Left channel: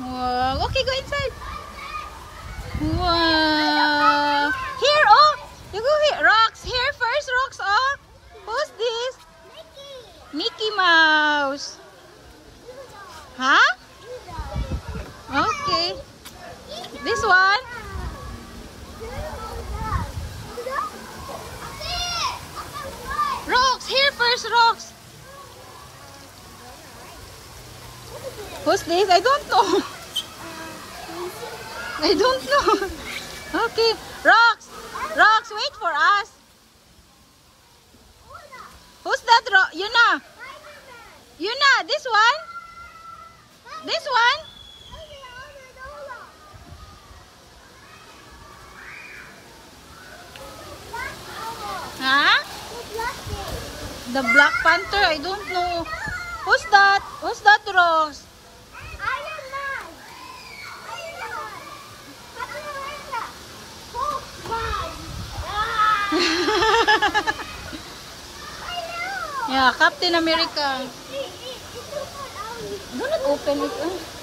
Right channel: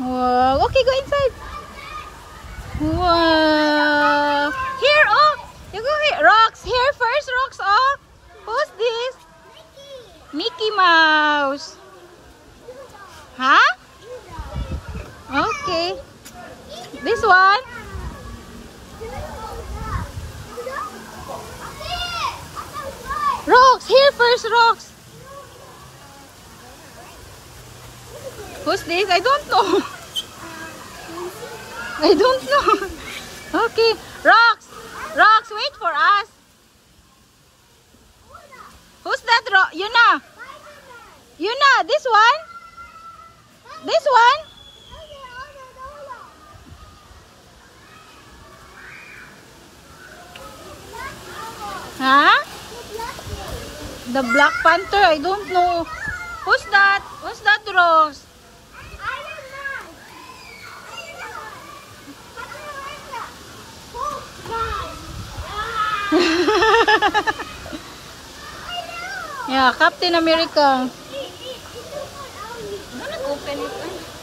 Wow. Okay, go inside. Wow. Here, oh. You go here. Rocks. Here first, Rocks. Oh. Who's this? Mickey Mouse. Huh? Okay. This one? Rocks. Here first, Rocks. Who's this? I don't know. I don't know. Okay. Rocks. Rocks, wait for us. Who's that? Yuna. Yuna, this one? This one? Huh? The Black Panther, I don't know. Who's that? Who's that, Rose? Yeah, Captain America. Don't open it.